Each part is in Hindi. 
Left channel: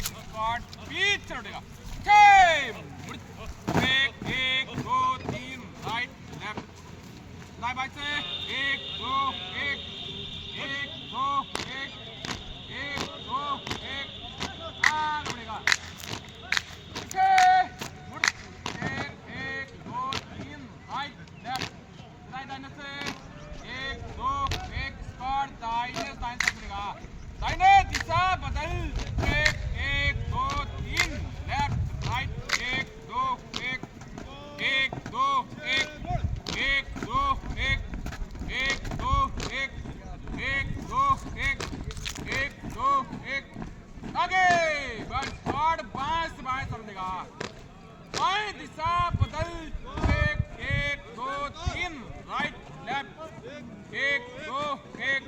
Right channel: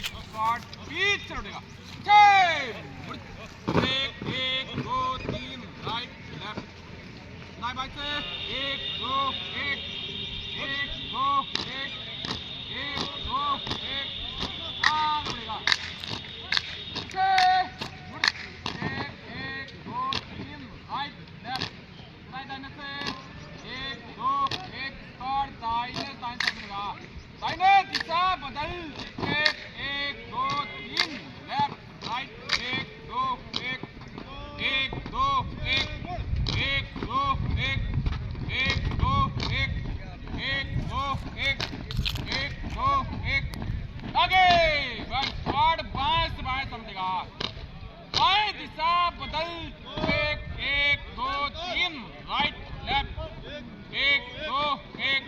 एक स्क्वाड बीच से उठेगा 6 1 2 3 राइट लेफ्ट दाएं बाएं से 1 2 1 1 2 1 1 2 1 आगे बढ़ेगा 6 1 2 3 राइट लेफ्ट दाएं से 1 2 1 स्क्वाड दाएं से बढ़ेगा दाहिने दिशा बदल 1 2 3 लेफ्ट राइट 1 2 1 1 2 1 1 2 1 1 2 1 1 2 1 1 2 1 आगे स्क्वाड बाएं से बाएं समझेगा बाएं दिशा बदल 1 2 3 राइट लेफ्ट 1 2 1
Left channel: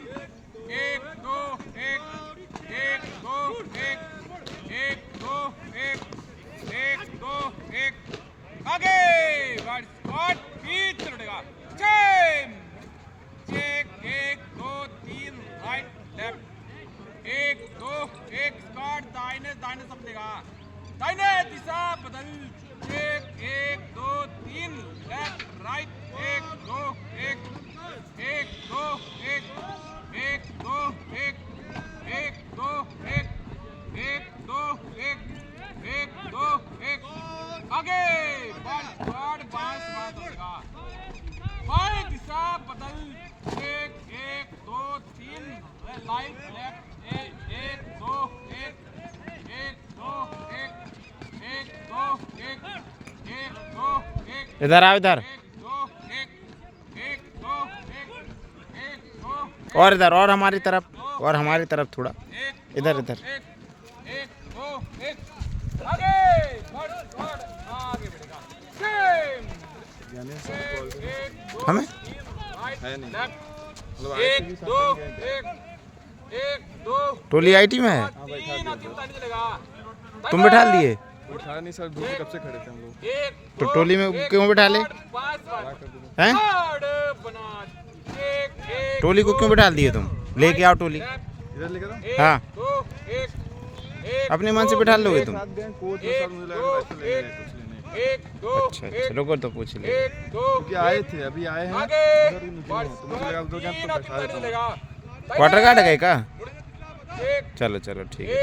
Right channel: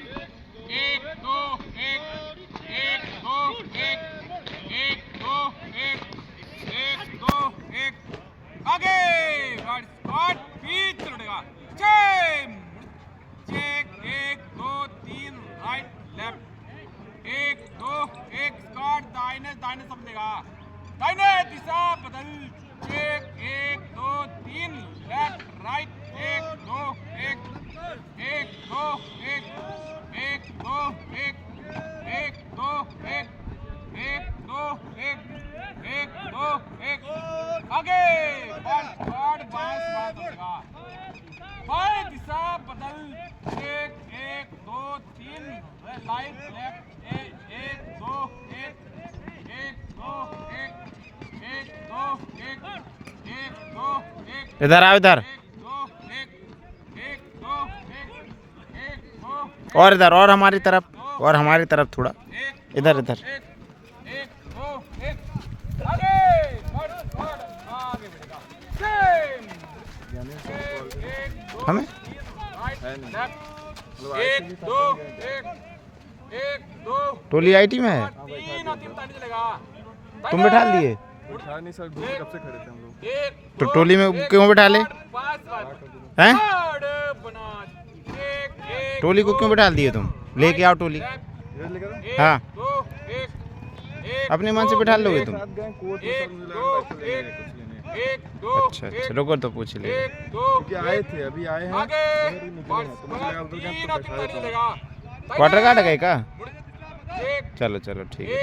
1 2 1 1 2 1 1 2 1 1 2 1 आगे स्क्वाड बीच चढ़ेगा 6 1 2 3 राइट लेफ्ट 1 2 1 स्क्वाड दाहिने दाहिने समझेगा दाहिने दिशा बदल 1 2 3 लेफ्ट राइट 1 2 1 1 2 1 1 2 1 1 2 1 1 2 1 1 2 1 आगे स्क्वाड बाएं से बाएं चलेगा बाएं दिशा बदल 1 2 3 राइट लेफ्ट 1 2 1 1 2 1 1 2 1 1 2 1 इधर आओ इधर 1 2 1 1 2 1 1 2 और इधर और हमारी तरफ थोड़ा इधर इधर एक दो एक आगे आगे बढ़ेगा हमें एक दो एक दो टोली आईटी में है तुम बैठा लिए बैठा नहीं सर दूसरे कब से खड़े थे हम लोग तो टोली में क्यों बैठा ले हैं टोली को क्यों बैठा दिए तुम लेके आओ टोली इधर लेकर आओ हाँ अपने मन से बैठा लोगे तुम साथ गए कोच में सर मुझे लगा वैसे लेंगे कुछ लेने अच्छा रुको तो पूछ ले क्योंकि आए थे अभी आए हैं उधर मुझे तो मुझे लगा दो जन तो बैठा देता हूं क्वार्टर गार्ड गए का चलो चलो ठीक है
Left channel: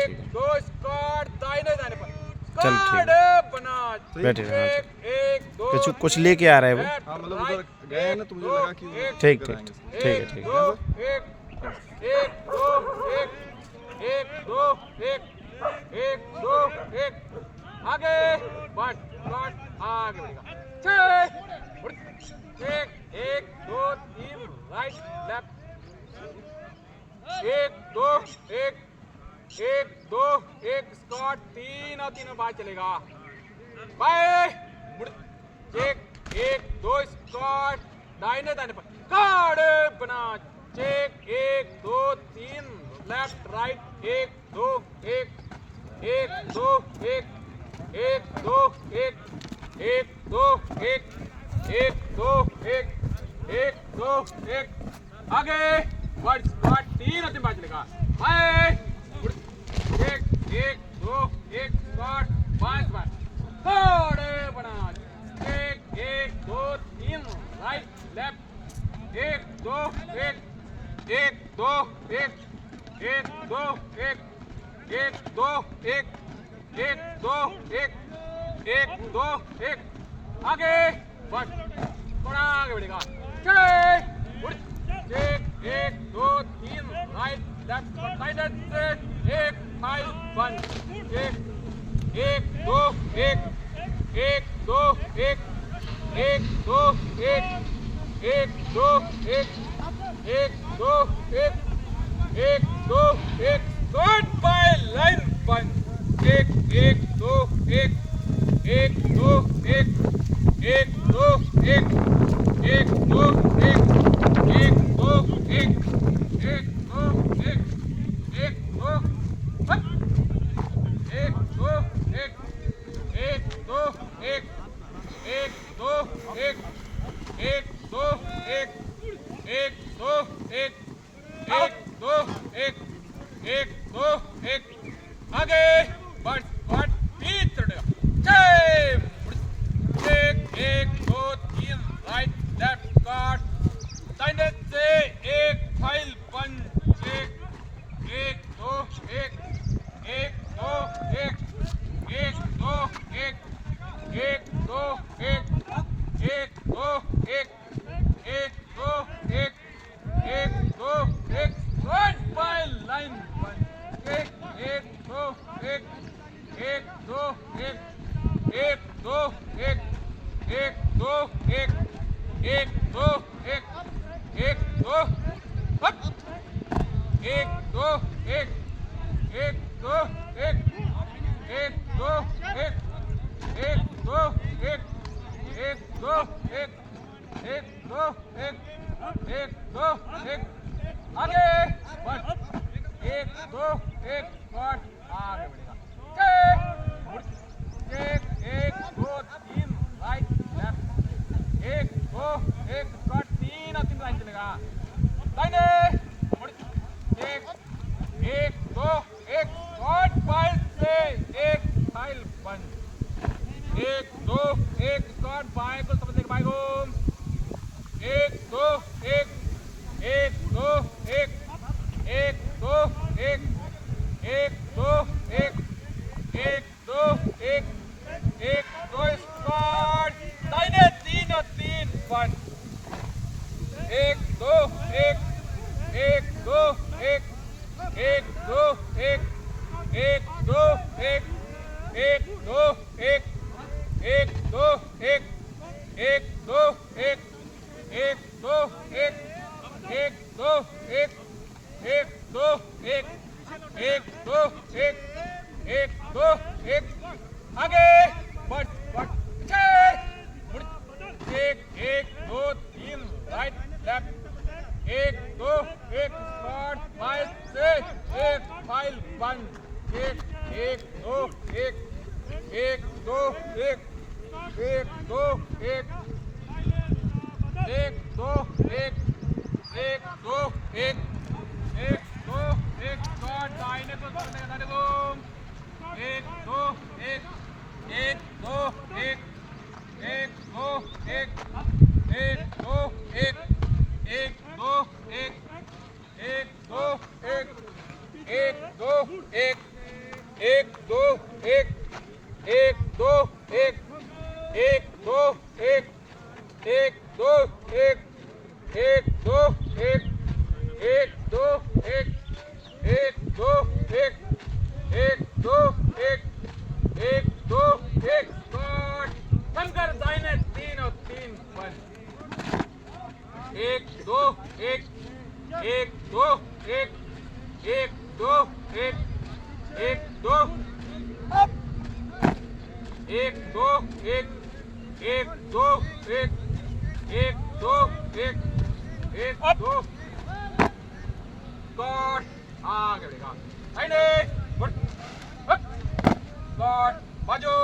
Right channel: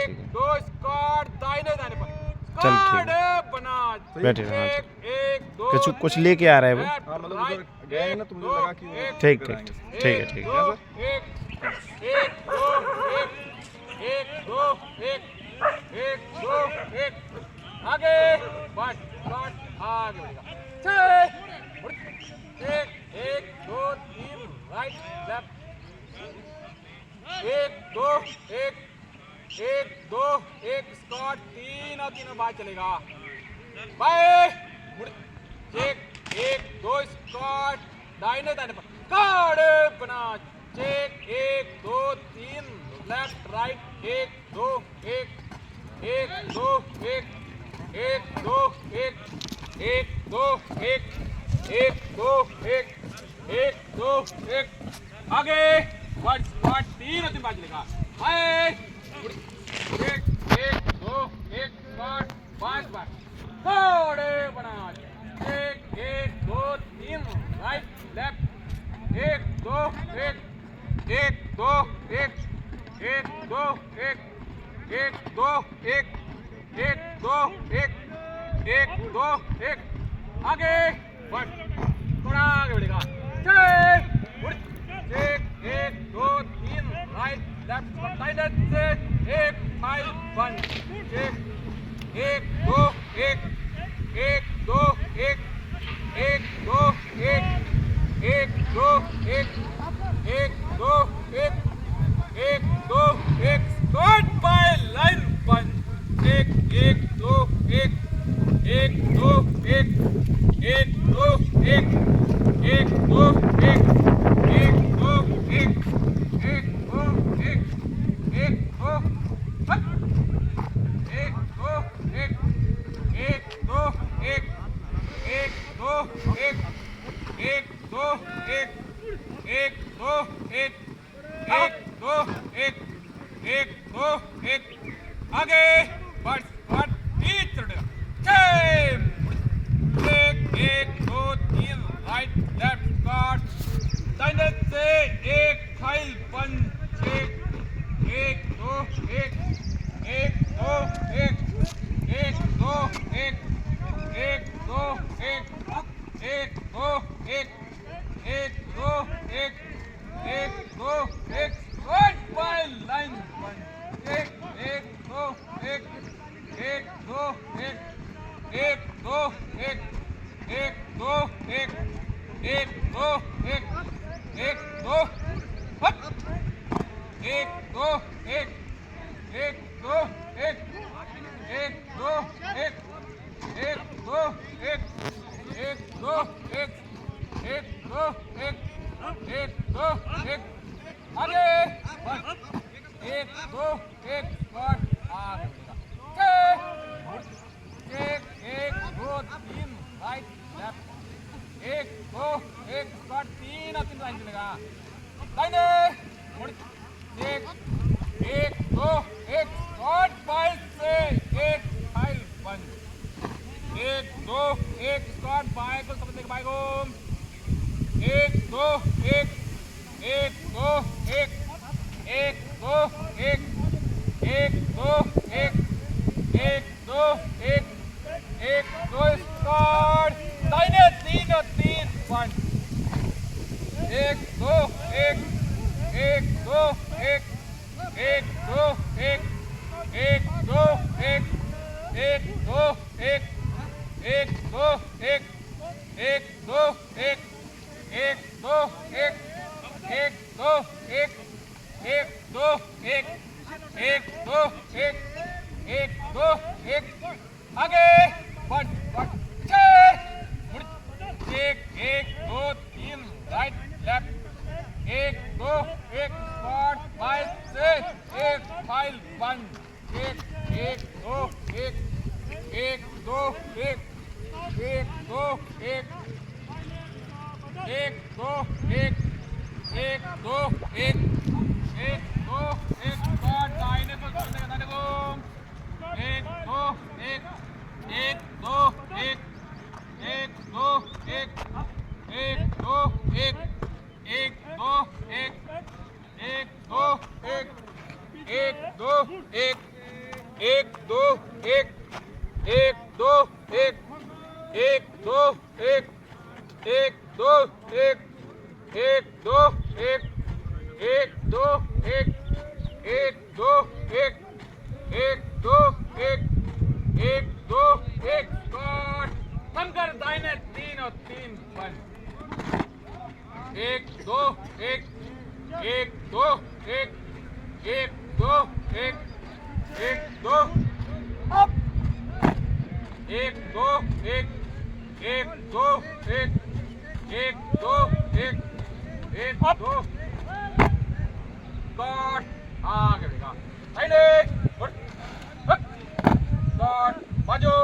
चलो ठीक है बैठे हाँ चलो कुछ लेके आ रहा है वो हां मतलब उधर गए हैं ना तो मुझे लगा कि ठीक ठीक ठीक है एक दो एक दो एक दो एक आगे बढ़ आगे एक दो तीन राइट लेफ्ट एक दो एक स्क्वाड तीनों बाहर चलेगा बाएं एक दो स्क्वाड दाहिने दाहिने पर काड़े बना एक दो तीन लेफ्ट राइट एक दो एक दो एक दो एक दो एक दो एक आगे स्क्वाड तीन बाहर चलेगा बाएं एक दो एक स्क्वाड बाएं काड़े बना एक दो तीन राइट लेफ्ट एक दो एक दो एक दो एक दो एक दो एक दो एक आगे बढ़ थोड़ा आगे बढ़ेगा एक दो तीन राइट लेफ्ट राइट से एक फाइव वन एक दो एक दो एक दो एक दो एक दो एक स्क्वाड बाय लाइन पंच एक दो एक दो एक दो एक दो एक दो एक दो एक दो एक आगे दो एक एक दो एक एक दो एक एक दो एक एक दो हट एक दो एक एक दो एक एक दो एक एक दो एक एक दो एक एक दो एक एक दो एक आगे बस एक दो एक और आगे बढ़ेगा एक एक दो तीन राइट लेफ्ट एक दो एक स्क्वाट तीन और तीन राइट चलेगा दाहिने मुड़ एक एक दो एक स्क्वाट फाइल से एक फाइल बंद एक दो एक स्क्वाट बाय को समझ बाय रूम एक दो एक एक दो एक एक दो एक एक दो एक एक दो एक एक दो स्क्वाट दाहिने तीन और तीन वन एक दो एक एक दो एक एक दो एक एक दो एक एक दो एक एक दो एक एक दो एक एक दो एक एक दो एक एक दो एक एक दो एक एक दो एक आगे वन एक एक दो तीन राइट लेफ्ट एक दो एक स्क्वाट फाइव से एक फाइल वन एक एक दो एक एक दो एक एक दो एक एक दो एक एक दो एक एक दो एक स्क्वाट दाहिने को दाहिने को एक दो एक एक दो एक एक दो एक एक दो एक एक दो एक एक दो एक एक दो एक एक दो एक एक दो एक एक दो एक एक दो एक एक दो एक एक दो एक एक दो एक एक दो एक एक दो एक स्क्वाट बनकर दाहिने तीन और तीन वन एक दो एक एक दो एक एक दो एक एक दो अप एक दो एक एक दो एक एक दो एक एक दो स्क्वाट आगे बढ़ेगा दाहिने स्क्वाट बाजू